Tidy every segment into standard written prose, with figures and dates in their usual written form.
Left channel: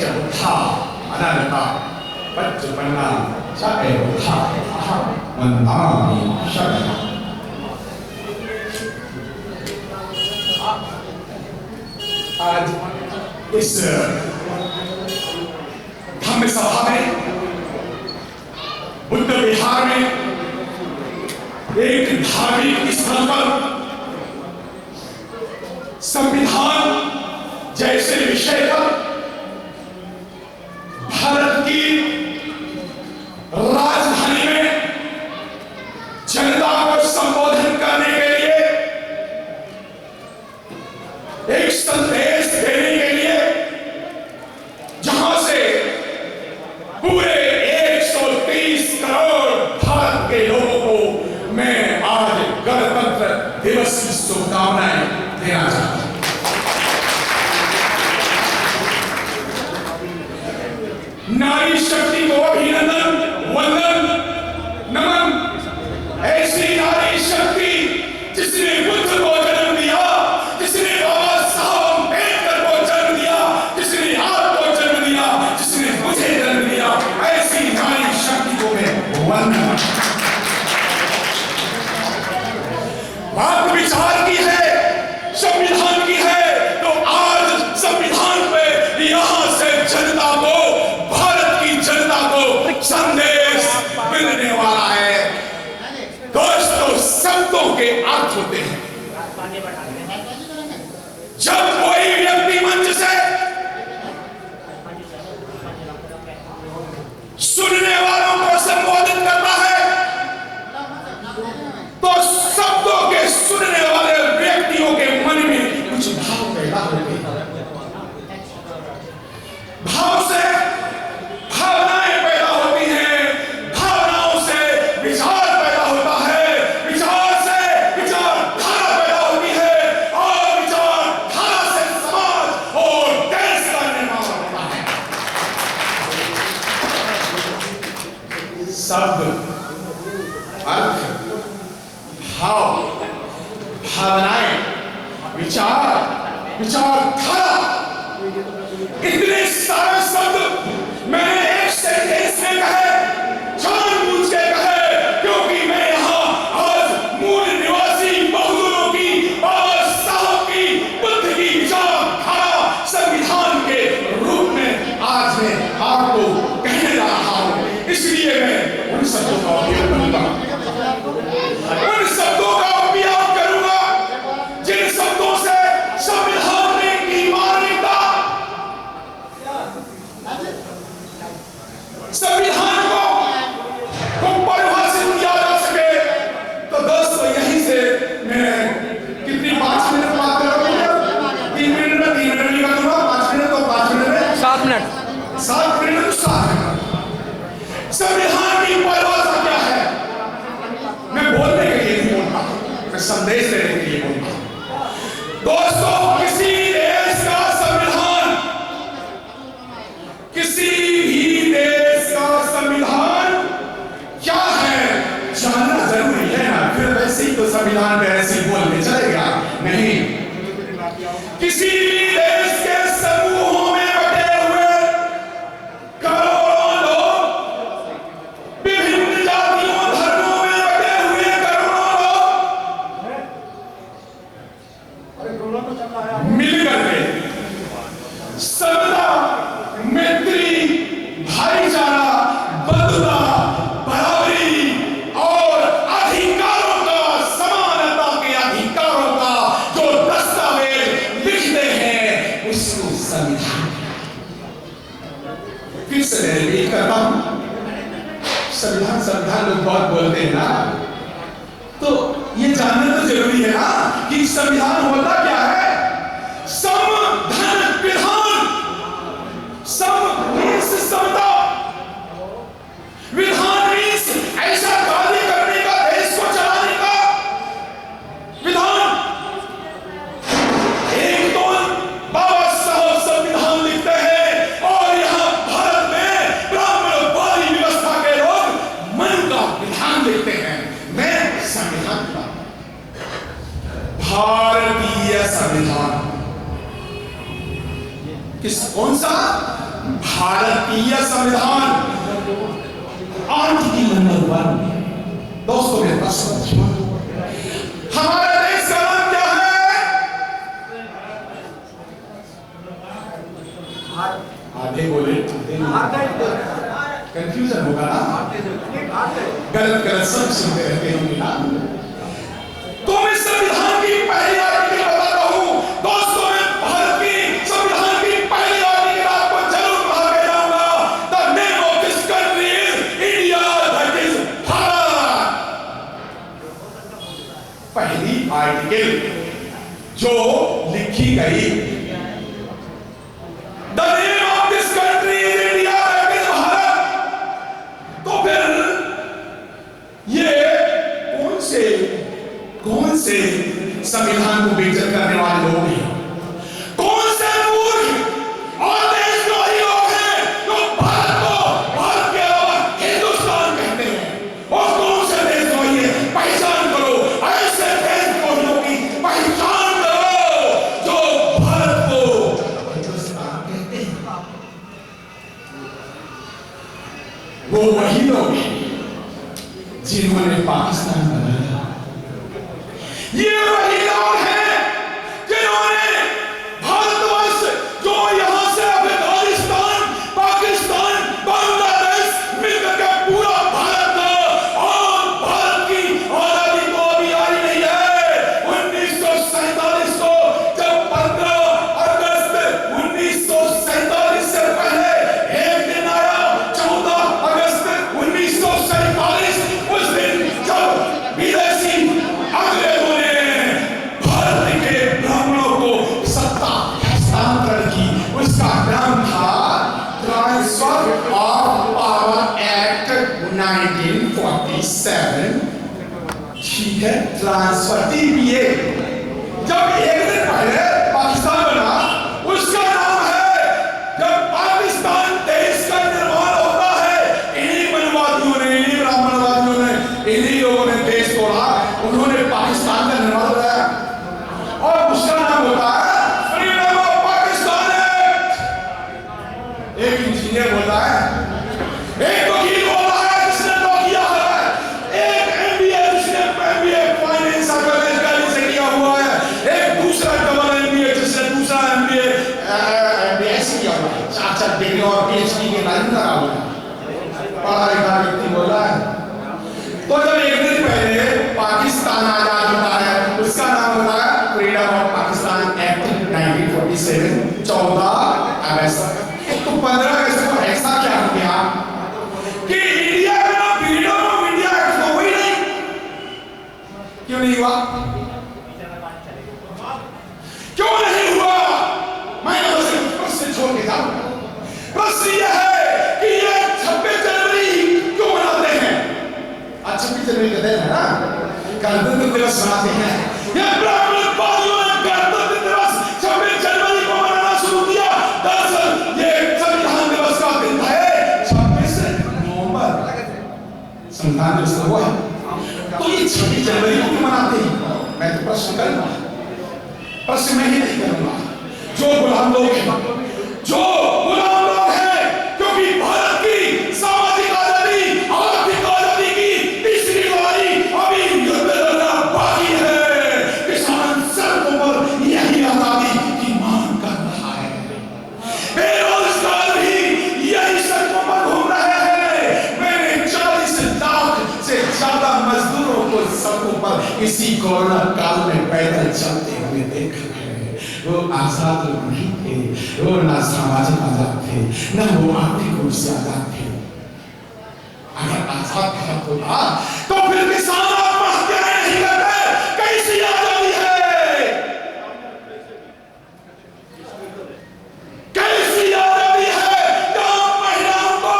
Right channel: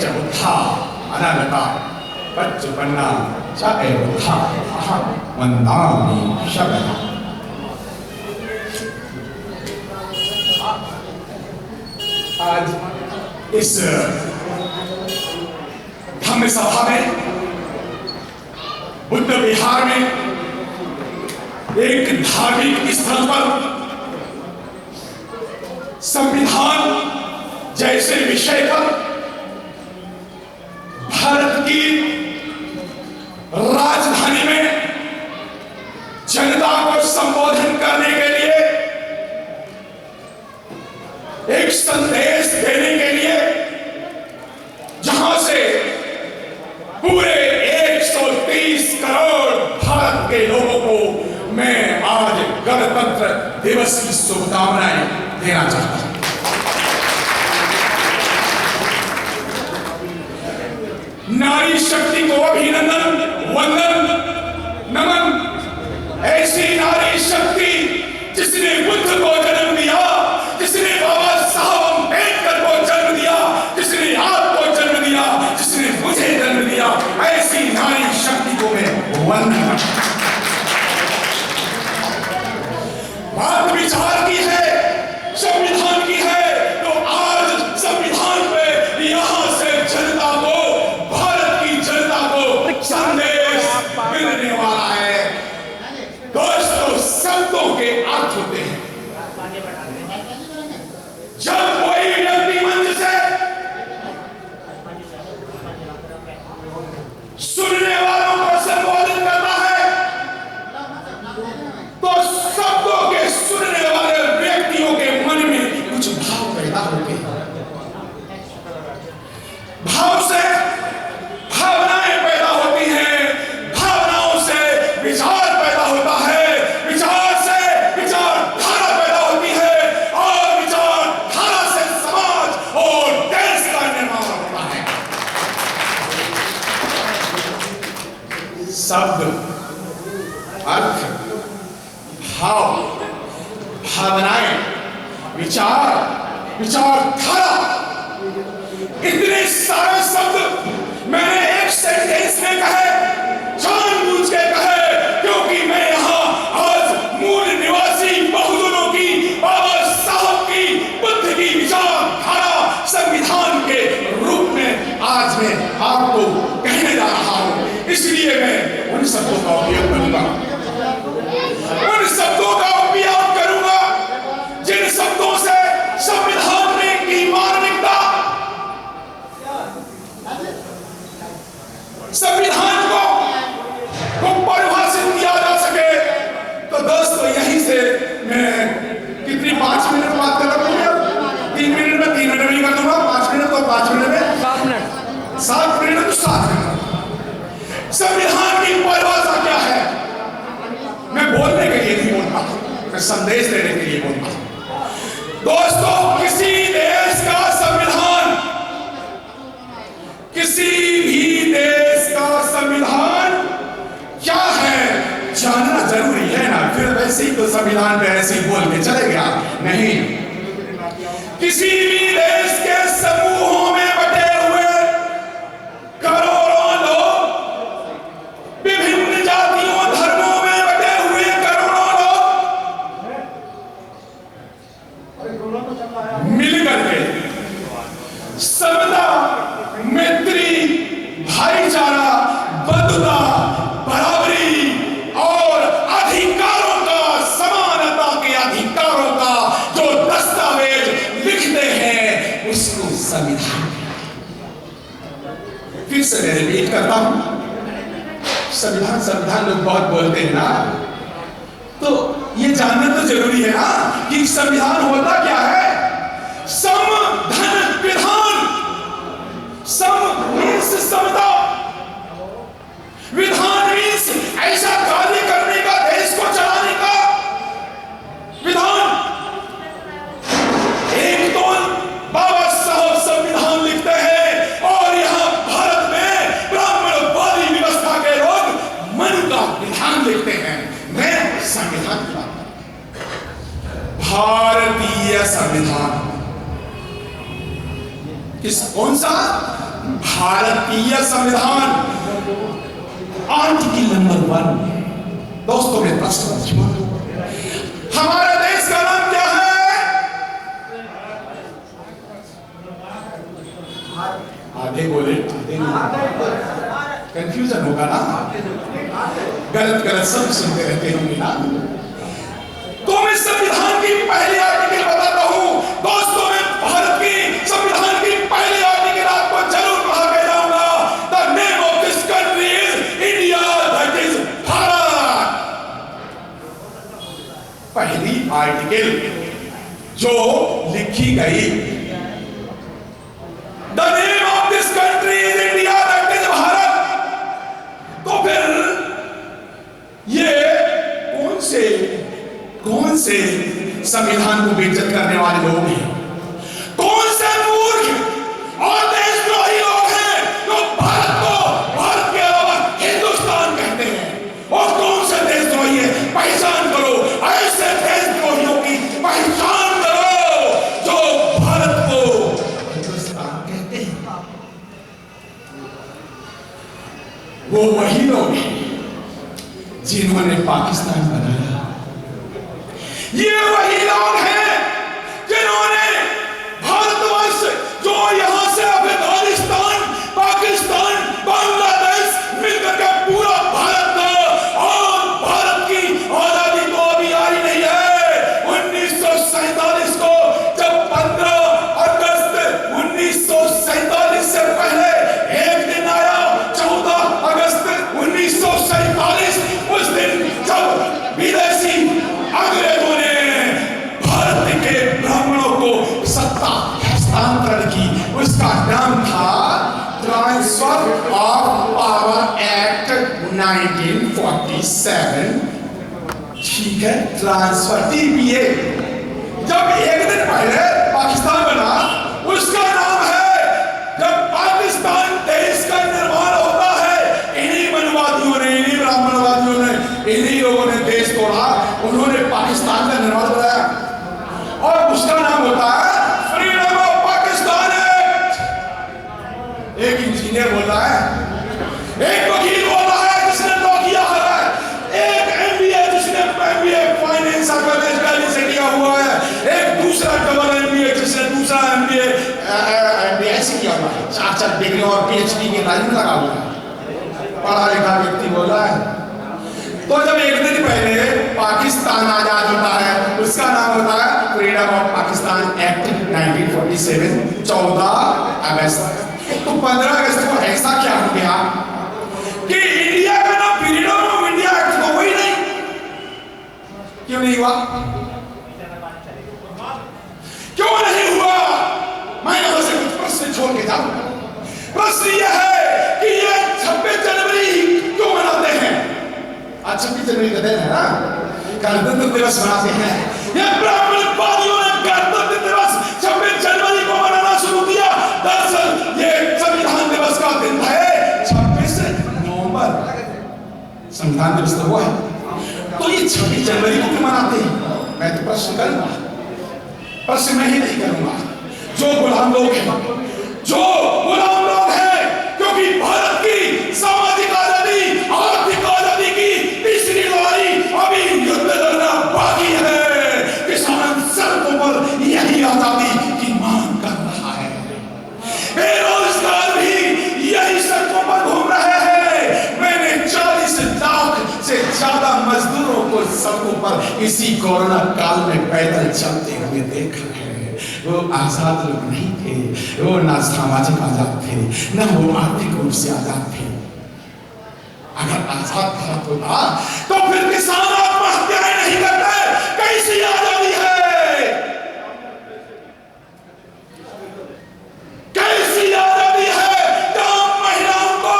च बुद्धा अनन्ता पच्चपन्ना च बुद्धा अहं वन्दामि शरणम्। आज इस धम्म सभा में बुद्ध विहार में एक धार्मिक स्थल पर संविधान जैसे विषय पर भारत की राजधानी में जनता को संबोधन करने के लिए, एक संदेश देने के लिए, जहां से पूरे 130 करोड़ भारत के लोगों को मैं आज गणतंत्र दिवस की शुभकामनाएं देना चाहता हूं। नारी शक्ति को अभिनंदन, वंदन, नमन। ऐसी नारी शक्ति जिसने बुद्ध को जन्म दिया, जिसने बाबा साहब अम्बेडकर को जन्म दिया, जिसने आपको जन्म दिया, जिसने मुझे जन्म दिया, ऐसी नारी शक्ति को मैं वंदन करता हूं। बात विचार की है, संविधान की है, तो आज संविधान पे यहां से जनता को, भारत की जनता को संदेश मिलने वाला है। दोस्तों, शब्दों के अर्थ होते हैं। जब कोई व्यक्ति मंच से सुनने वालों को संबोधित करता है, तो शब्दों के सुनने वाले व्यक्तियों के मन में कुछ भाव पैदा होते हैं। भाव से भावनाएं पैदा होती हैं, भावनाओं से विचार पैदा होता है, विचार से विचारधारा पैदा होती है, और विचारधारा से समाज और देश का निर्माण होता है। शब्द, अर्थ, भाव, भावनाएं, विचार, विचारधारा, इतने सारे शब्द मैंने एक सेंटेंस में कहे, जानबूझ के कहे, क्योंकि मैं यहाँ आज मूल निवासी बहुजनों की, बाबा साहब की, बुद्ध की विचारधारा संविधान के रूप में आज मैं आपको कहने जा रहा हूँ। इसलिए मैं उन शब्दों का उपयोग करूंगा, उन शब्दों का उपयोग करूंगा जिन शब्दों से संविधान में की मानविकता, संविधान को परिभाषित किया जा सके। तो दोस्तों, यहीं से मैं कितनी 5 मिनट बात कर रहा हूँ, 3 मिनट में 3 मिनट नहीं कर दूंगा, 5 मिनट तो 5 मिनट में 7 मिनट, 7 मिनट तो 7 मिनट। संविधान की परिभाषा क्या है? मैं बोलने के लिए नहीं बोलता, मैं संदेश देने के लिए बोलता हूं। दोस्तों, किसी देश का संविधान, किसी भी देश का संविधान क्या है जानना जरूरी है ना। फिर वैसे ही तो संविधान पे ऐसे ही बोल के चलेगा नहीं। किसी भी देश के समूहों में बटे हुए करोड़ों लोग, विभिन्न जातियों धर्मों में बटे हुए करोड़ों लोग मिलकर के समता, मैत्री, भाईचारा, बंधुता, बराबरी और अधिकारों का, समानता के अधिकारों का जो दस्तावेज लिखते हैं, उसको संविधान। फिर से मैं रिपीट करता हूं, संविधान संविधान लोग बहुत बोलते हैं ना, तो ये जानना तो जरूरी है ना कि संविधान होता क्या है। संविधान विधान, सम मीन्स समता, विधान मीन्स ऐसा कार्य करने का, देश को चलाने का विधान। एक तो बाबा साहब संविधान लिखते हैं और यहां भारत में ब्राह्मणवादी व्यवस्था के लोग मनु का विधान लिखते हैं। मैं संविधान का, भारतीय संविधान कौन सा? भारतीय संविधान आर्टिकल नंबर 1। दोस्तों मेरे पास समझो, हमारे देश का नाम क्या है? आधे बोले कंफ्यूजन होगा ना, गलत गलत सब सुनते रहते होंगे ना। तो मैं संविधान की पहली आर्टिकल बताता हूं दोस्तों। मैं भारत की संविधान की पहली आर्टिकल आपको जरूर पढ़ा के जाऊंगा। The name of this country is India, that is Bharat. पहली आर्टिकल जो लिखी गई, the name of this country is India, that is Bharat. तो फिर ये कौन से संविधान को बेइज्जत करने वाले लोग हैं? कौन से मूर्ख और देशद्रोही लोग हैं जो भारत को भारत के अलावा हिंदुस्तान कहते हैं? और कौन से देशद्रोही है? पहचान करो, ऐसे देशद्रोहियों की पहचान करो जो भारत को हिंदुस्तान कहते हैं। वो वही लोग हैं जिन्होंने पाकिस्तान बनाया। ये वही लोग हैं जिन्होंने भारतवर्ष, जो यहां से अफगानिस्तान, पाकिस्तान, बांग्लादेश मिलकर के पूरा भारत था, और भारत की आजादी तो अभी आई नहीं है। 1947 को जब 15 अगस्त 1947 से पहले एक दिन आया, 14 अगस्त 1947, उस दिन जब विदेशी अंग्रेजों ने भारत के ब्राह्मणों को सत्ता हस्तांतरण की, उसका नाम था ट्रांसफर ऑफ पावर एक्ट 1947। ठीक है, ट्रांसफर TPA। जब एक दिन पहले पाकिस्तान बना, उसका नाम है, जब पाकिस्तान देश का निर्माण होता है, इन्हीं मनवादियों ने, इन्हीं ब्राह्मणवादियों ने, इन्हीं लोगों ने देश तोड़ा, उन्होंने पाकिस्तान का निर्माण कराया, और उसका नाम होता है फ्रीडम ऑफ पाकिस्तान एक्ट। एक इंजीनियर बोल रहा है, एक वकील बोल रहा है जिसने लॉ किया है, एक MBA जिसने MBA फाइनेंस से किया हुआ है, एक दूसरा डबल MBA जिसने दूसरा MBA ऐसे किया हुआ है, 4 डिग्री और PhD के लाइन में लगा हुआ है, पढ़ा लिखा व्यक्ति बोल रहा है। तो जब एक दिन पहले पाकिस्तान आजाद होता है, उसका नाम होता है फ्रीडम ऑफ पाकिस्तान एक्ट 1947, 14 अगस्त। तो 15 अगस्त को ऐसा क्या हो गया कि इंडिया का नाम फ्रीडम ऑफ इंडिया एक्ट तो हुई नहीं? क्यों नहीं हुआ? क्यों नहीं हुआ? मैं वैसे कुछ प्रश्न छोड़ के जाऊंगा। प्रश्न यह है कि ये 26 जनवरी क्यों मनाते हैं? आज 26 जनवरी का दिन है ना, गणतंत्र दिवस मनाते हैं। ये ब्राह्मणवादियों ने गणतंत्र दिवस 26 जनवरी को मनाना शुरू किया। दरअसल ये संविधान दिवस का दिन है 26 नवंबर, संविधान दिवस तो वो है। तो ये 26 जनवरी को क्यों मनाते हैं? मैं तो प्रश्न करूंगा, प्रश्न मैं ही नहीं करूंगा। जो गुलाम लोग हैं, जो गुलाम लोग हैं, क्योंकि भारत की सामाजिक आजादी, आर्थिक आजादी की तीसरी लड़ाई अभी युद्ध लड़ना बाकी है। किसान सड़कों पर यही आजादी की मांग कर रहा है, बेरोजगार भी यही सड़कों पर घूम रहे हैं। मैंने 40 लाख से ज्यादा मजदूरों को सड़कों पर इसी कोरोना काल में पैदल चलते हुए देखा है। वो आजाद लोग नहीं थे, वो ना सामाजिक आजाद थे, ना वो आर्थिक रूप से आजाद थे। अगर आजाद भारत होता तो फिर किसान आत्महत्याएं नहीं करते। कैसी आजादी है? कैसी आजादी है जहां महिलाओं को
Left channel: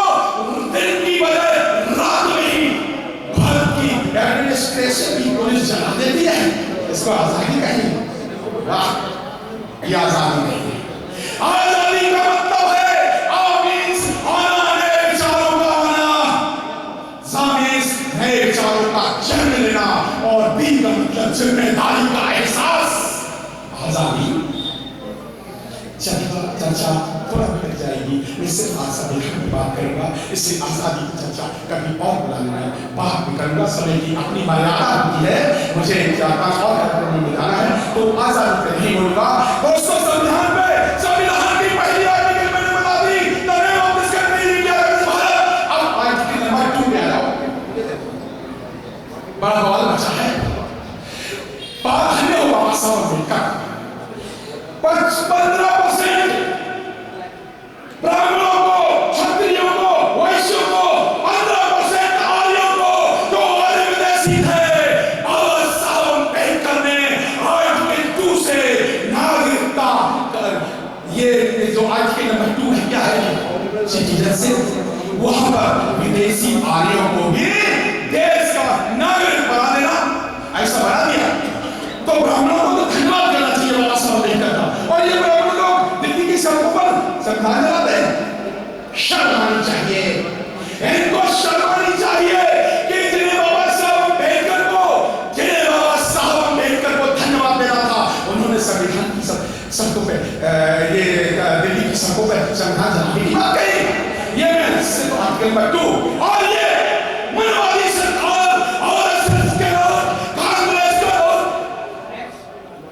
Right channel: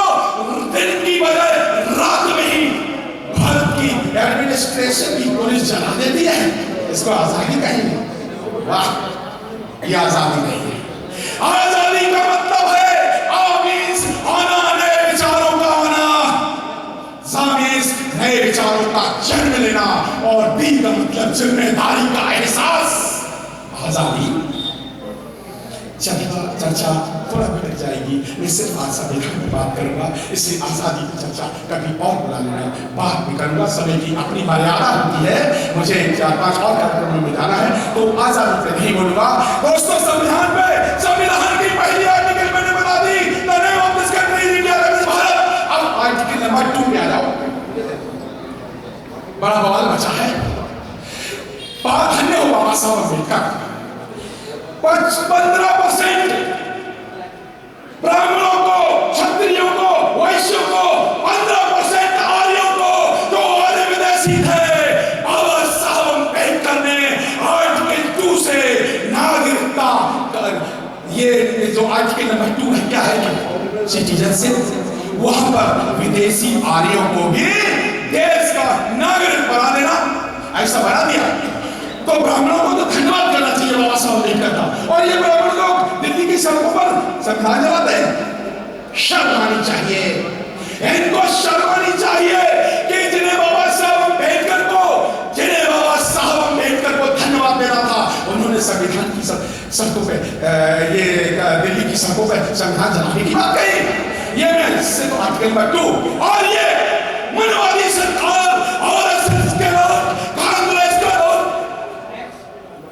दिन की बजाय रात में ही भारत की एडमिनिस्ट्रेशन की पुलिस जला देती है? इसको आजादी कहेंगे? वाह, ये आजादी नहीं है। आजादी का मतलब है आमीज आना, नए विचारों का आना, सामीज नए विचारों का जन्म लेना, और दी का मतलब जिम्मेदारी का एहसास। आजादी चलता चर्चा थोड़ा भटक जाएगी। मैं सिर्फ आज संविधान की बात करूंगा, इससे आजादी की चर्चा कभी और बुला लेना, बात भी करूंगा। समय की अपनी मर्यादा होती है, मुझे 4-5 और कार्यक्रमों में जाना है, तो आजादी पे नहीं बोलूंगा। दोस्तों, संविधान पे, संविधान की पहली आर्टिकल मैंने बता दी, the name of this country is India, that is Bharat. अब आर्टिकल नंबर 2 में आ जाओ। बड़ा बवाल मचा है। बात धन्य हो बाबा साहब अम्बेडकर, 15% ब्राह्मणों को, क्षत्रियों को, वैश्यों को, 15% आर्यों को, जो आर्य विदेशी थे, बाबा साहब अम्बेडकर ने आर्टिकल 2 से नागरिकता कर, ये जो आर्टिकल नंबर 2 है क्या है, सिटीजनशिप, वहां पर विदेशी आर्यों को भी देश का नागरिक बना देना, ऐसा बना दिया। तो ब्राह्मणों को तो धन्यवाद करना चाहिए बाबा साहब अम्बेडकर का। और ये ब्राह्मण लोग दिल्ली की सड़कों पर संविधान जलाते हैं, शर्म आनी चाहिए, इनको शर्म आनी चाहिए कि जिन्हें बाबा साहब अम्बेडकर को धन्यवाद देना था, उन्होंने संविधान की सड़कों पे, ये दिल्ली की सड़कों पे संविधान जलाने की बात कही। ये मैं सिर्फ आर्टिकल नंबर 2 और ये मनवादी सरकार और कांग्रेस का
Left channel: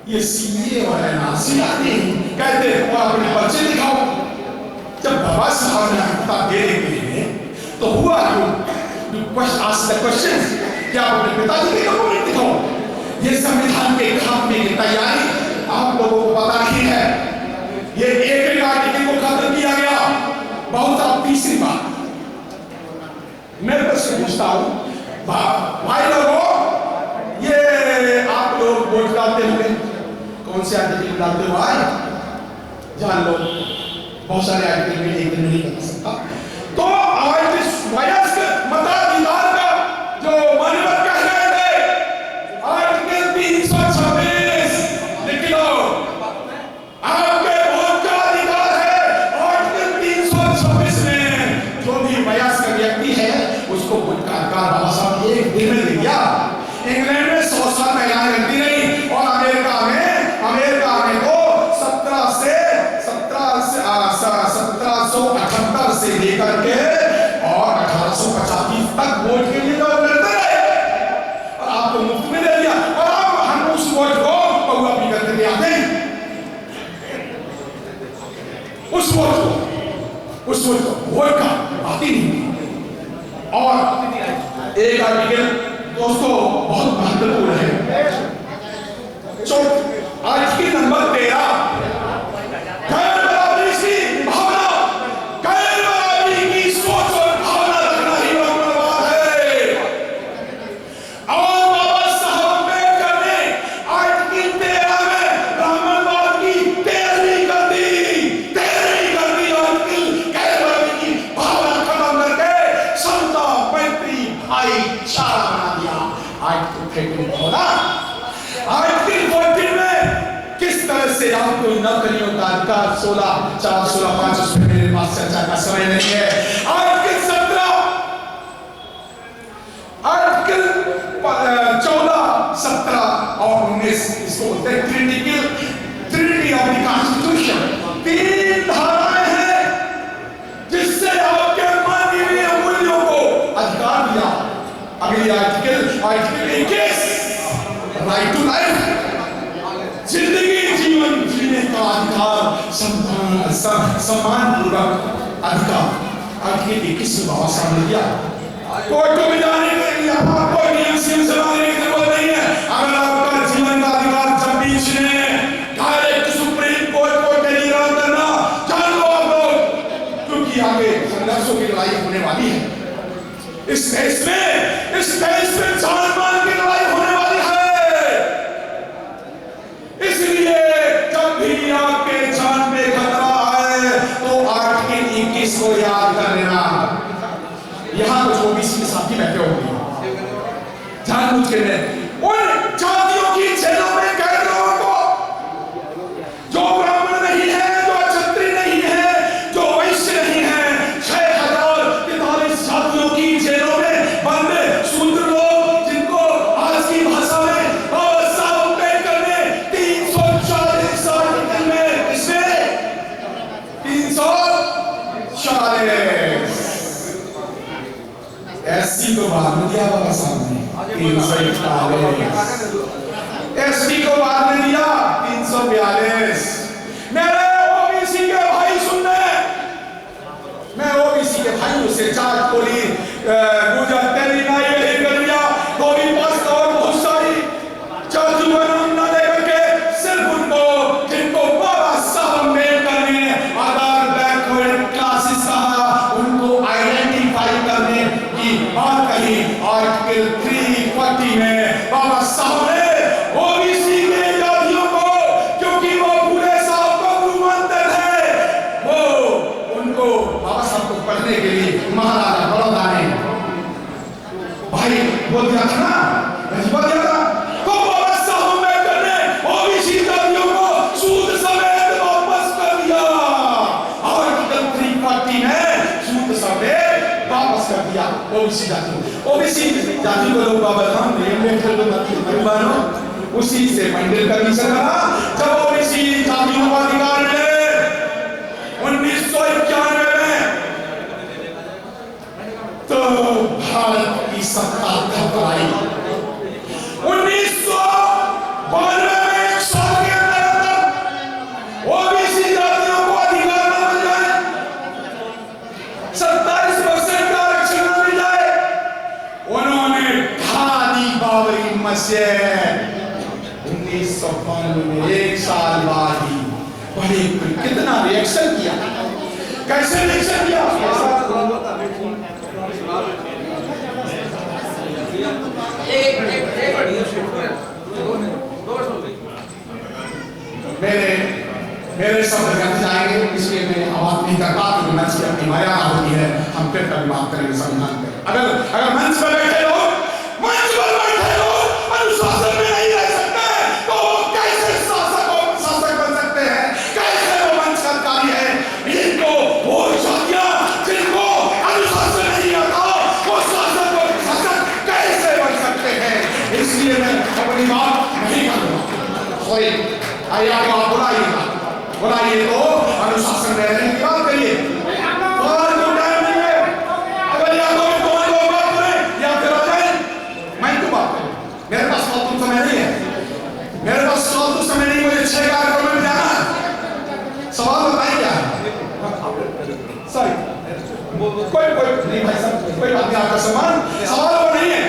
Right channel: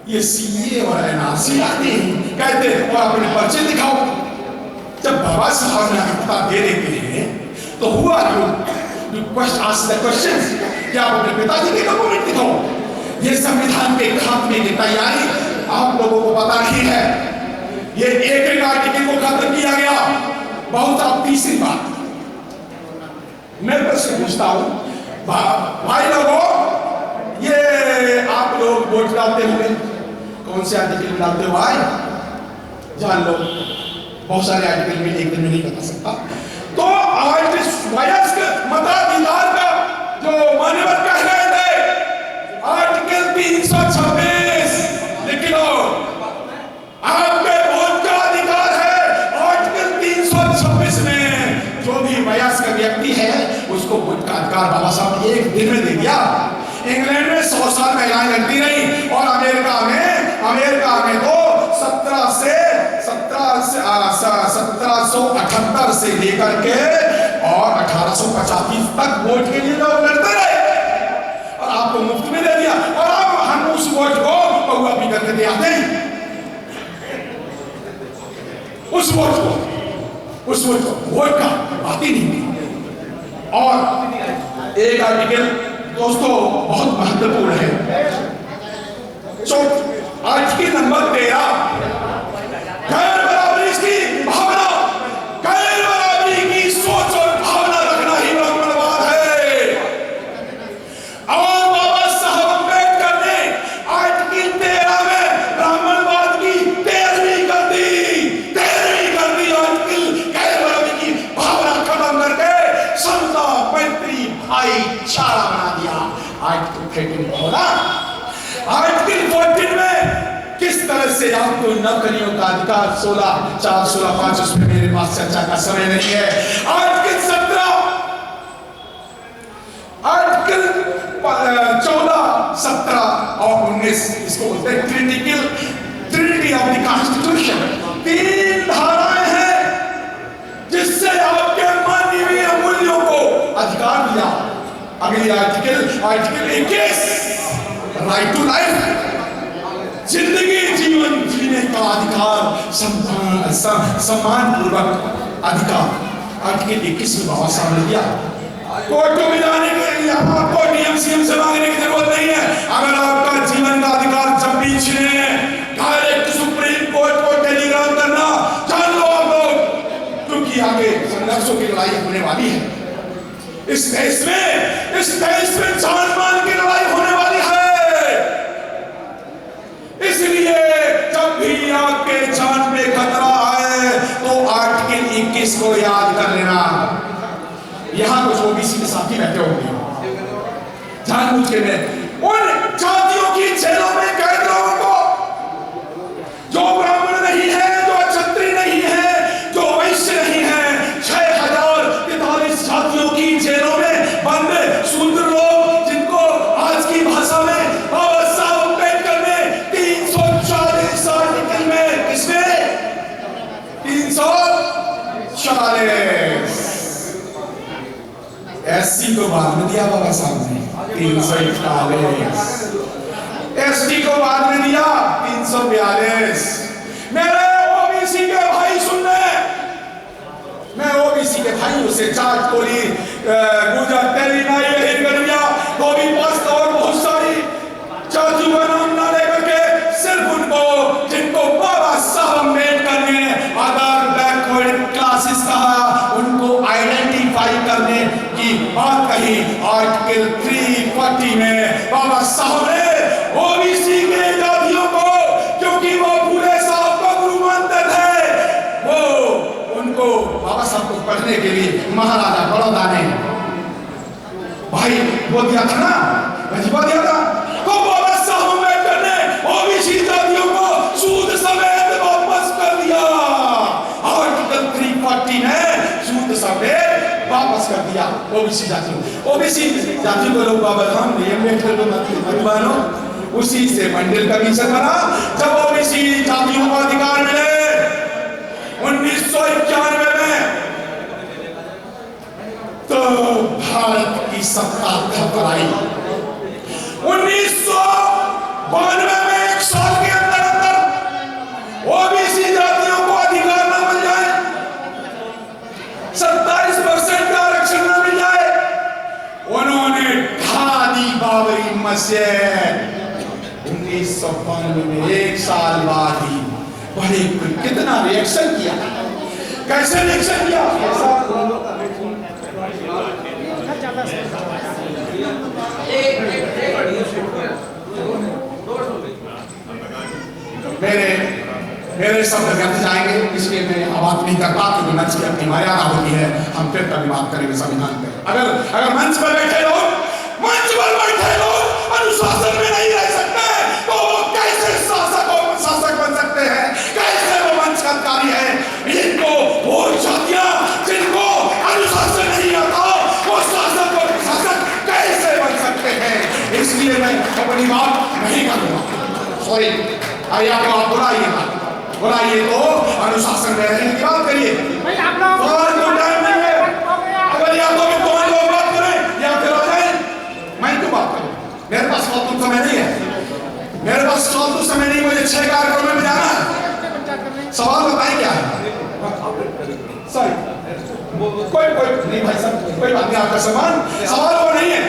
ये सीए और एनआरसी आते हैं, कहते हैं और अपने पर्चे दिखाओ। जब बाबा साहब ने हकता देने के लिए तो हुआ क्यों? आस्क द क्वेश्चन, क्या आप अपने पिताजी के डॉक्यूमेंट दिखाओ? ये संविधान के खात्मे की तैयारी आप लोगों को पता नहीं है। ये एक आर्टिकल को खत्म किया गया। बहुत अब तीसरी बात मैं प्रश्न पूछता हूं, भाई लोगों, ये आप लोग वोट डालते होंगे, कौन से आर्टिकल में डालते हो भाई? जान लो, बहुत सारे आर्टिकल में एक दिन में नहीं बता सकता। तो आज वयस्क मताधिकार का जो मान्यवर कह रहे थे, आर्टिकल 326 लिख लो, आपके वोट का अधिकार है। आर्टिकल 326 में जो भी वयस्क व्यक्ति है उसको वोट का अधिकार बाबा साहब एक दिन में दे दिया। इंग्लैंड में 100 साल महिलाएं लगती रही और अमेरिका में तो 1778 से लेकर के और 1885 तक वोट के लिए लोग लड़ते रहे और आपको मुफ्त में दे दिया। और अब हम उस वोट को पौवा पी करके दे आते हैं, उस वोट को वोट का आती नहीं। और एक आर्टिकल दोस्तों बहुत महत्वपूर्ण है, आर्टिकल नंबर 13, गैर बराबरी की भावना, गैर बराबरी की सोच और भावना रखना ही ब्राह्मणवाद है। और बाबा साहब अम्बेडकर ने आर्टिकल 13 में ब्राह्मणवाद की 13वीं कर दी आर्टिकल गैर बराबरी की भावना खत्म करके समता, मैत्री, भाईचारा बना दिया। आर्टिकल 13 होना, आर्टिकल 14 में किस तरह से आपको नौकरियों का अधिकार 16/4/16/5 उसमें मेरे पास चर्चा का समय नहीं है। आर्टिकल 17, आर्टिकल 14, 17 और 19 इसको बोलते हैं ट्रिनिटी ऑफ द कॉन्स्टिट्यूशन। 3 धाराएं हैं जिससे आपके मानवीय मूल्यों को अधिकार दिया। अगली आर्टिकल 21, राइट टू लाइफ, जिंदगी जीवन जीने का अधिकार, सम्मान पूर्वक अधिकार। आर्टिकल 21 में बाबा साहब ने दिया। कोर्टों में जाने के लिए आपको नियम सीएम से मांगने की जरूरत नहीं है। अगर आपका जीवन का अधिकार जब भी छीने, डायरेक्ट सुप्रीम कोर्ट को टेलीग्राम करना, जान लो आप लोग, क्योंकि आगे संघर्षों की लड़ाई होने वाली है। इस देश में जान मान की लड़ाई होने वाली है। इसलिए जब भी आपके जान पे खतरा है तो आर्टिकल 21 को याद कर लेना। यहां कुछ ओबीसी के साथी बैठे होंगे, जानबूझ के मैं उन जातियों की जेलों में कैद लोगों को, जो ब्राह्मण नहीं है, जो क्षत्रिय नहीं है, जो वैश्य नहीं है, 6043 जातियों की जेलों में बंद शूद्र लोग, जिनको आज की भाषा में बाबा साहब अम्बेडकर ने 340 आर्टिकल में इसमें 341 एसटी को बाद में दिया बाबा साहब ने 341 एसटी को बाद में दिया 342 मेरे ओबीसी के भाई सुनने मैं ओबीसी के भाइयों से चाट कोली गुजर तेरी ना यही गरिया गोभी पास और बहुत सारी चाचू बनाम ना लेकर के सिर्फ उनको जिनको बाबा साहब अम्बेडकर ने आधार बैकवर्ड क्लासेस कहा उनको आइडेंटिफाई करने की बात कही आर्टिकल 340 में बाबा साहब ने ओबीसी के जातियों को क्योंकि वो पूरे साहब को गुरु मानते थे वो उनको बाबा साहब को पढ़ने के लिए महाराजा बड़ौदा ने भाई वो दिया था ना वजीफा दिया था तो बाबा साहब अम्बेडकर ने ओबीसी जातियों को सूद समेत वापस कर दिया आर्टिकल 340 में सूद समेत वापस कर दिया ओबीसी जातियों को लोग बाबा राम ने अम्बेडकर को मानो उसी से मंदिर कमीशन बना जब ओबीसी जातियों को अधिकार मिले 1991 में तो भारत की सत्ता थपराई 1992 में एक साल के अंदर ओबीसी जातियों को अधिकार न मिल जाए 27% का आरक्षण न मिल जाए उन्होंने ढा दी बाबरी मस्जिद 1992 में एक साल बाद ही बड़े कितना रिएक्शन किया कैसे रिएक्शन किया मेरे शब्द व्यर्थ जाएंगे इसलिए मैं बात नहीं करता क्योंकि मंच की अपनी मर्यादा होती है हम फिर कभी बात करेंगे संविधान पे अगर मंच पर बैठे लोग अनुशासन में नहीं रह सकते तो वो कैसे शासक बन सकते हैं कैसे वो मंच का अधिकारी है इनको वो जातियां जिनको अनुशासन नहीं आता वो शासक कैसे बन सकते हैं इसलिए मैं अपनी बात नहीं करूंगा सॉरी आइए आप बुलाइए तो अनुशासन में रहने की बात करिए और कोई टाइम नहीं है अगर या तो कौन लोग बात करें या फिर आ जाए मैं क्यों बात करूं मेरे पास फालतू समय नहीं है मुझे 6 कार्यक्रमों में जाना है सवाल बताइए क्या है सॉरी कोई नहीं भाई साहब कोई बात नहीं आपका सवाल वो नहीं है